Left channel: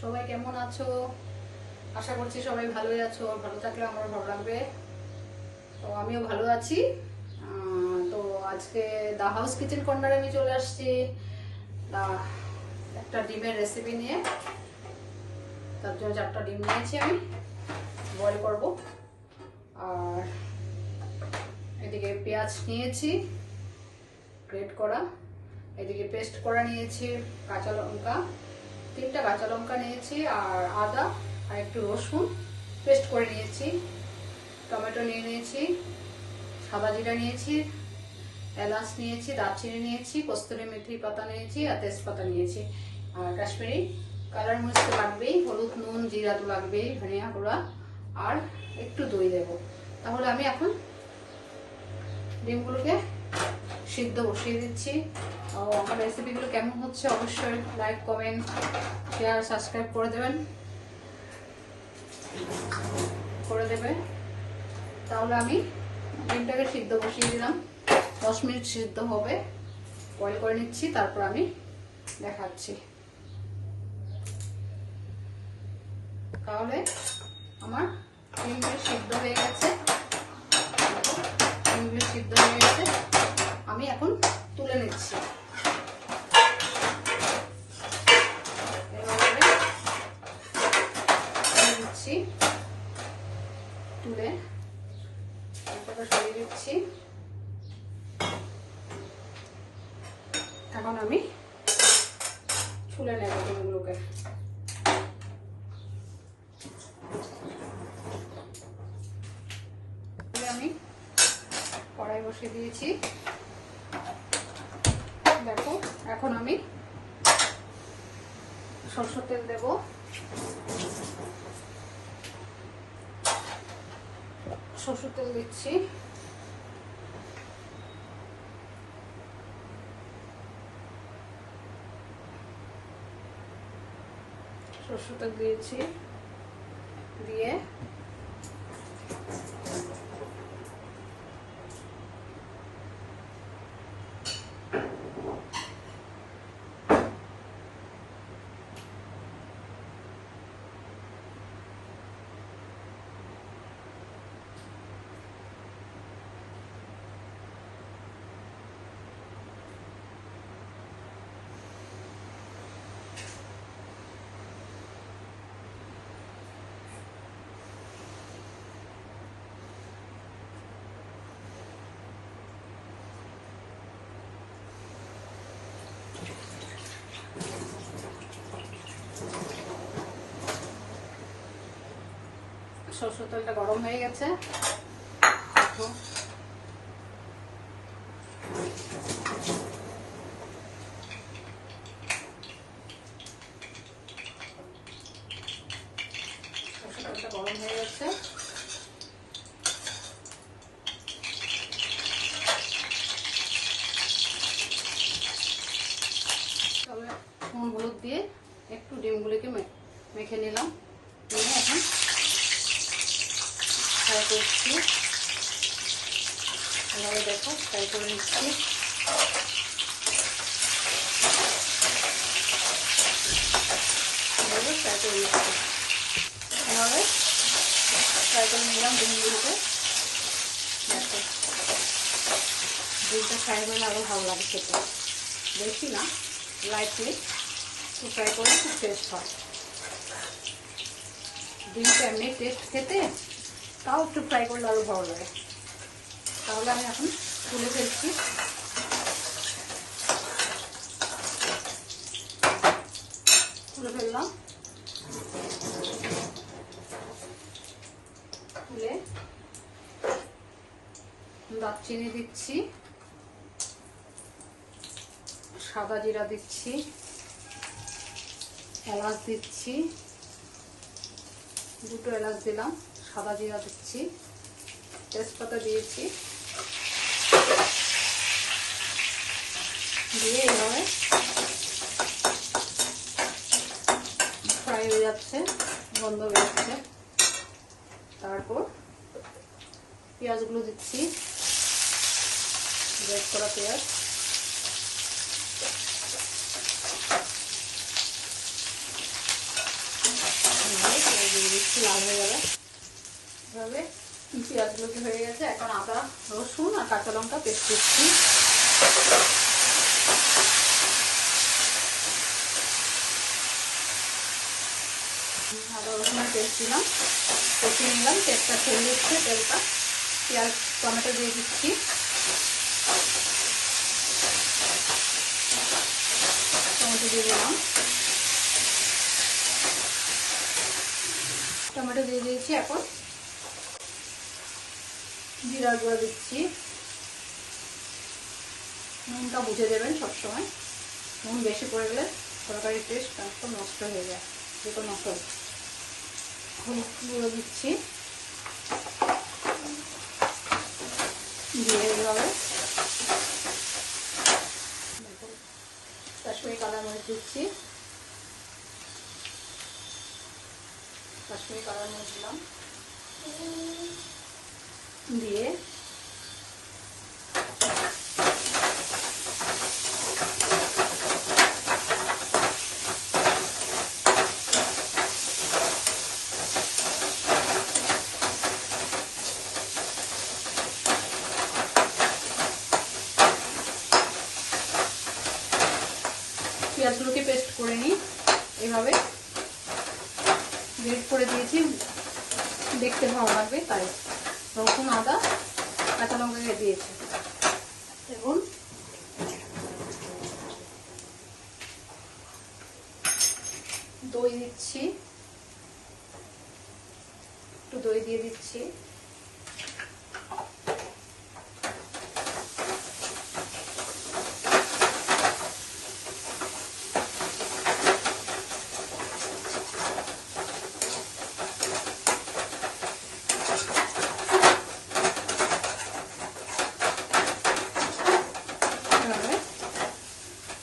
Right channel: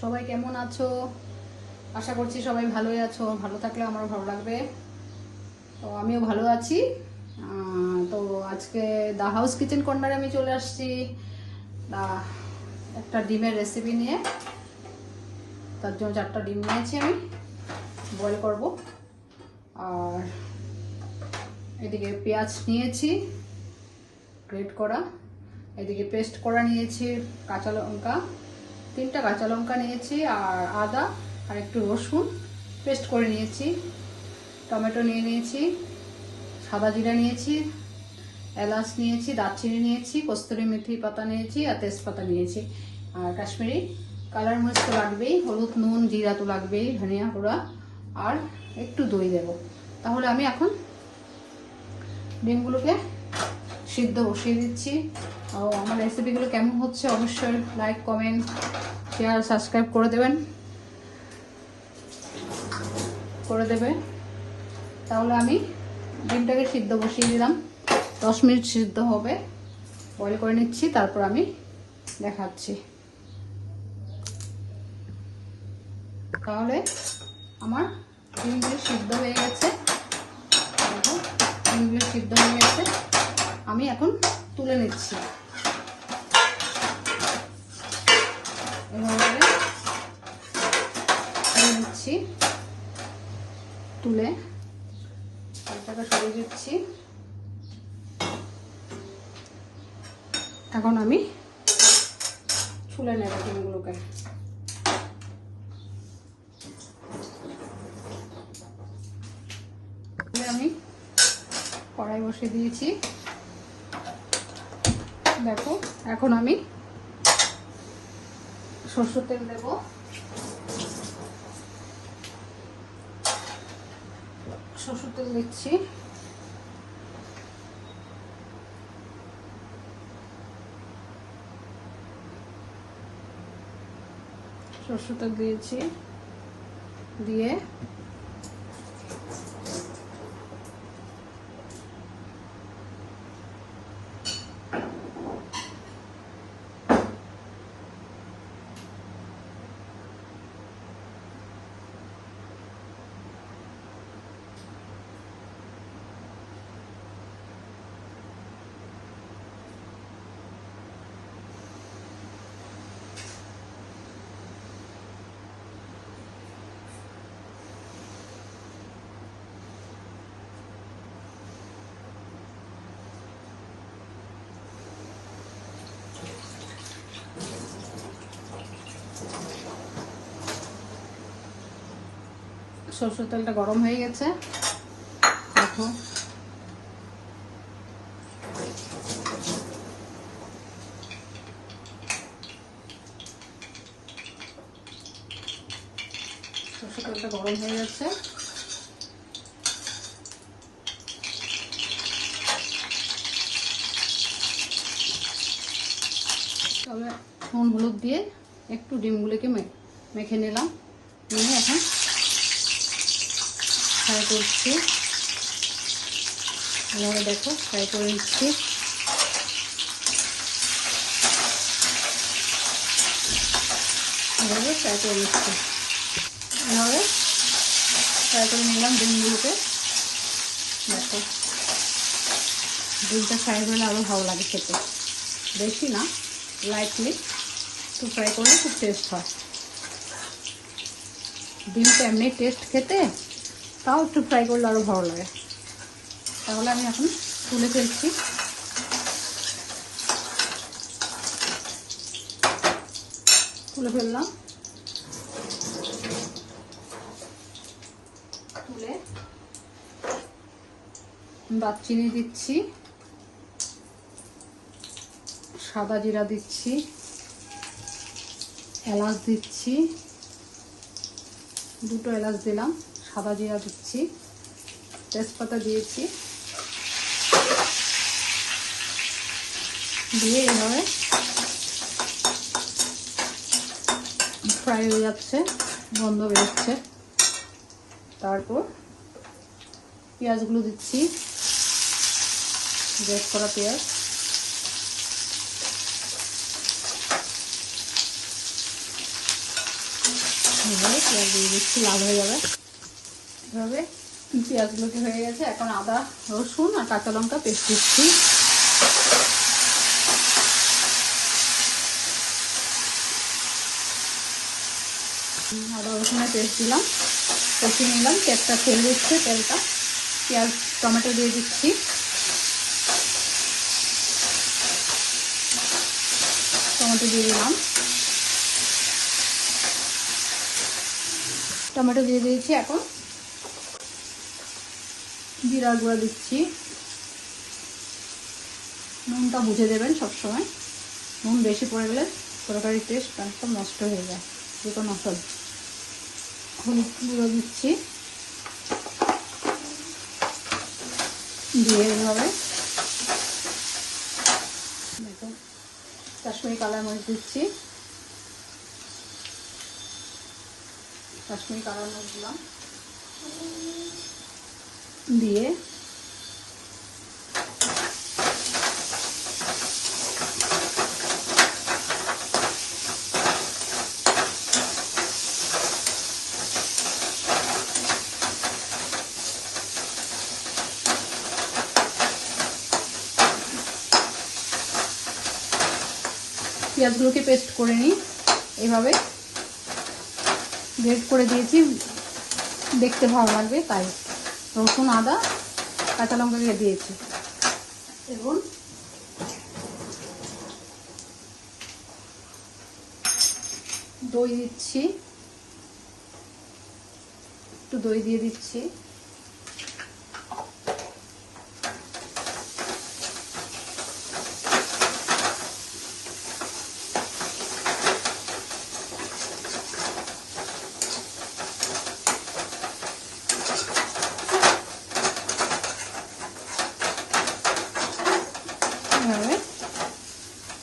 সবাই কেমন আছো? আশা করছি সবাই ভালোই আছো। ভালো থাকলে আমার ভালো লাগবে। তো আমিও ভালো আছি। তো আজকে দা হাউস কিচেন কর্নারে আমি চলে আসছি একটা ডিমের রেসিপি নিয়ে। তার জন্য 4টা ডিম নিয়েছি, আমি বয়েল করব। আর এদিকে পেঁয়াজ নিয়েছি গ্রেট করা, এদিকে পেস্ট করা নিয়েছি কাঁচা লঙ্কা, 3টা কাঁচা লঙ্কা নিয়েছি, আর আদা আর একটু রসুন পেস্ট করে নিয়েছি, টমেটো নিয়ে নিয়েছি, সাদা জিরা নিয়েছি, এলাচ নিয়েছি, দারচিনি নিয়েছি, কস্তুরি মেথি পাতা নিয়েছি, আর তেজপাতা নিয়েছি। আর কাশ্মীরি কালার মরিচ তো লাগবেই, হলুদ নুন জিরা তো লাগবেই, ধনিয়া গুঁড়া, আর একটু দই দেবো। তাহলে আমি এখন ডিমগুলোকে সিদ্ধ বসিয়ে দিচ্ছি। আমার রেসিপিগুলো কেমন হচ্ছে অবশ্যই লাইক কমেন্ট শেয়ার সাবস্ক্রাইব করে দেবে। তাহলে আমি ডিমটাকে সিদ্ধ বসিয়ে দিলাম, 10 মিনিট সিদ্ধ হবে, বয়েল করে নিচ্ছি, তারপর আমি দেখাচ্ছি। তাহলে আমার ডিমগুলো সিদ্ধ হয়ে গেছে, আমি এখন তুলে নিচ্ছি। তুলে তারপরে সরিয়ে দিচ্ছি। এখন আমি ছুলে নেব ডিমগুলোকে। আমি কড়াই বসিয়ে দিয়েছি, দেখো। এখন আমি সরষের তেল দেব, সরষের তেল দিচ্ছি, সরষের তেল দিয়েছি, দিয়ে সরষের তেলটা গরম হয়ে গেছে, দেখো। সরষের তেলটা গরম হয়ে গেছে, তবে নুন হলুদ দিয়ে একটু ডিমগুলোকে মেখে নিলাম, নিয়ে এখন ফ্রাই করছি। দেখো ফ্রাই করে নিচ্ছি। এভাবে ফ্রাই করে নিচ্ছি, এভাবে ফ্রাই করে নিলাম ডিমগুলোকে। দেখো ডিমটা ফ্রাই হলে আরও ভালো লাগে খেতে, বেশি না, লাইটলি একটু ফ্রাই করলে খুব টেস্ট হয়। ডিমটা এমনি টেস্ট খেতে, তাও একটু ফ্রাই করলে আরও ভালো লাগে। তাহলে আমি এখন তুলে ফেলছি। তুলে ফেললাম, তুলে দারচিনি দিচ্ছি, সাদা জিরা দিচ্ছি, এলাচ দিচ্ছি, 2টো এলাচ দিলাম, সাদা জিরা দিচ্ছি, তেজপাতা দিয়েছি, দিয়ে এভাবে ফ্রাই হয়ে যাচ্ছে, গন্ধ বেরোচ্ছে। তারপর পেঁয়াজগুলো দিচ্ছি, গ্রেট করা পেঁয়াজ, দিয়ে দিচ্ছি, লাল হয়ে যাবে। এভাবে পেঁয়াজগুলোকে হয়ে গেছে। এখন আদা রসুন আর কাঁচা লঙ্কা পেস্ট দিচ্ছি। আদা রসুনের পেস্ট দিলাম, কষে নিলাম। তেলটা ছেড়ে দিচ্ছে, তেলটা পেঁয়াজ টমেটো দিয়ে দিচ্ছি। টমেটো দিয়ে দিলাম, টমেটো দিয়ে দিয়েছি। এখন জিরা গুঁড়ো দিচ্ছি। নুনটা বুঝে দেবেন সবসময়, নুন বেশি পড়ে গেলে তরকারির টেস্ট একদম নষ্ট হয়ে যায়। যে কোনো মশলা। হলুদ গুঁড়ো দিচ্ছি, দিয়ে এভাবে কাশ্মীরি কালার মরিচ দিচ্ছি। কাশ্মীরি কালার মরিচ দিলাম, দিয়ে পেঁয়াজগুলোকে পেস্ট করে নিই। এইভাবে গ্রেট করে দিয়েছি, দেখতে ভালো লাগে তাই। রসুন আদা কাঁচা লঙ্কা দিয়ে দিয়েছি। এখন দই দিচ্ছি, একটু দই দিয়ে দিচ্ছি।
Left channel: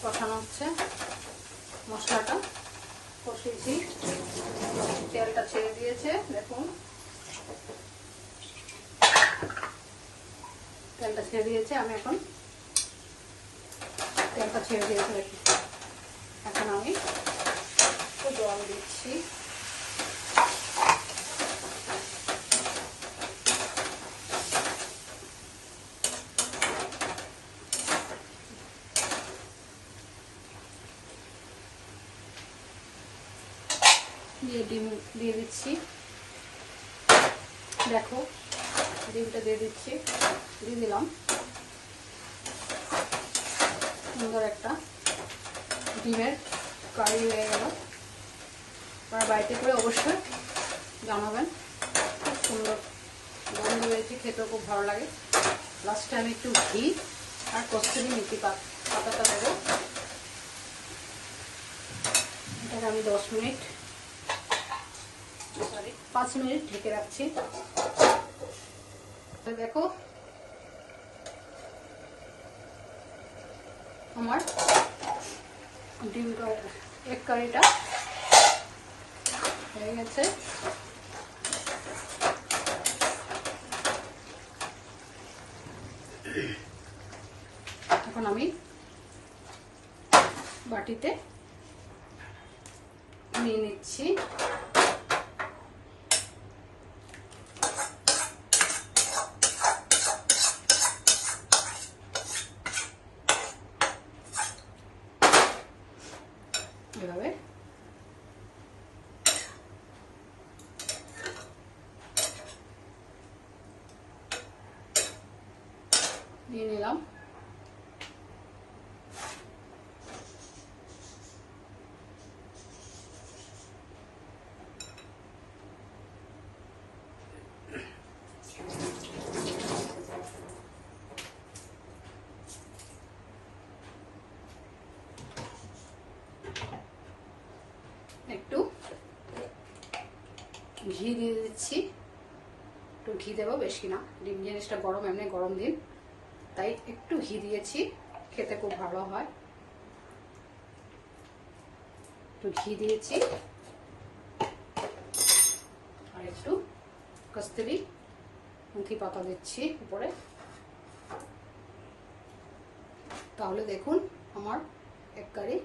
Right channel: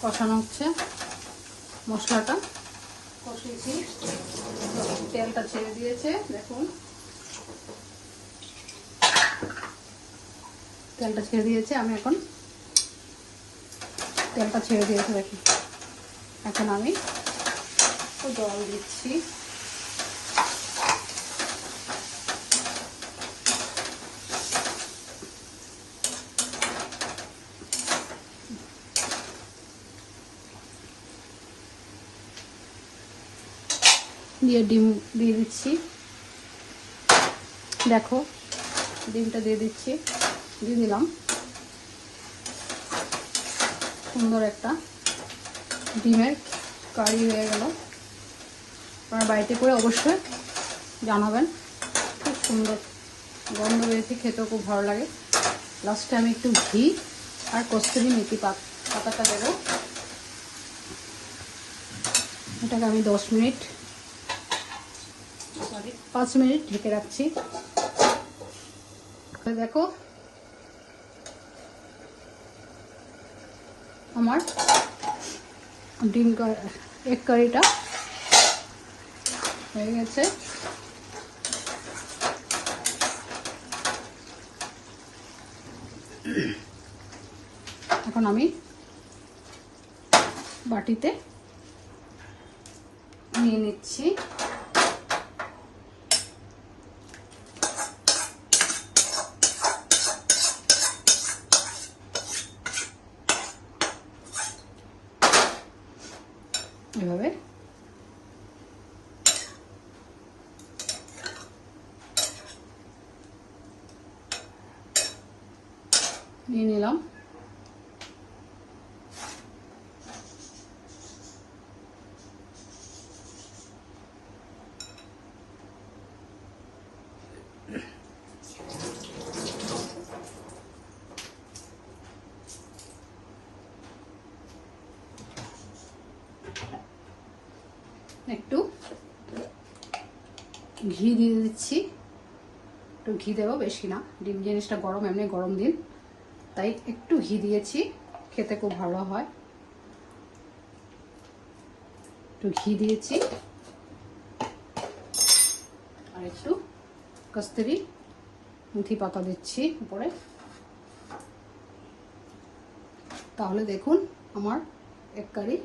কষানো হচ্ছে, মশলাটা কষিয়েছি, তেলটা ছেড়ে দিয়েছে। দেখুন তেলটা ছেড়ে দিয়েছে। আমি এখন তেলটা ছেড়ে দিয়েছে দেখি। এখন আমি জল দিচ্ছি। দিয়ে ডিম দিয়ে দিচ্ছি। দেখো ডিমটা দিয়ে দিচ্ছি, দিয়ে দিলাম। সুন্দর একটা ডিমের কারি হয়ে গেল। আপনার বাড়িতে করে অবশ্যই জানাবেন। খুব সুন্দর গন্ধ বেরিয়েছে, খেতেও খুব ভালো লাগে। লাস্টে আমি একটু ঘি আর কস্তুরি মেথি পাতাটা দেবো। এটাকে আমি 5 মিনিট ঢেকে রাখছি। দেখো আমার ডিম এগ কারিটা হয়ে গেছে। এখন আমি বাটিতে নিয়ে নিচ্ছি। এভাবে নিয়ে নিলাম। একটু ঘি দিয়ে দিচ্ছি, একটু ঘি দেবো, বেশি না। ডিম জিনিসটা গরম, এমনি গরম দিন, তাই একটু ঘি দিয়েছি, খেতে খুব ভালো হয়। একটু ঘি দিয়েছি আর একটু কস্তুরি মেথি পাতা দিচ্ছি উপরে। তাহলে দেখুন আমার এগ কারি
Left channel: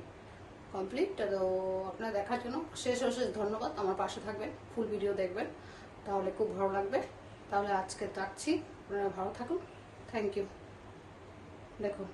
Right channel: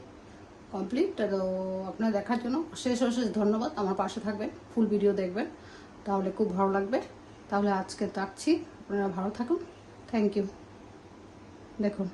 কমপ্লিট। তো আপনারা দেখার জন্য অশেষ ধন্যবাদ। আমার পাশে থাকবেন, ফুল ভিডিও দেখবেন, তাহলে খুব ভালো লাগবে। তাহলে আজকে রাখছি, আপনারা ভালো থাকুন। Thank you. দেখুন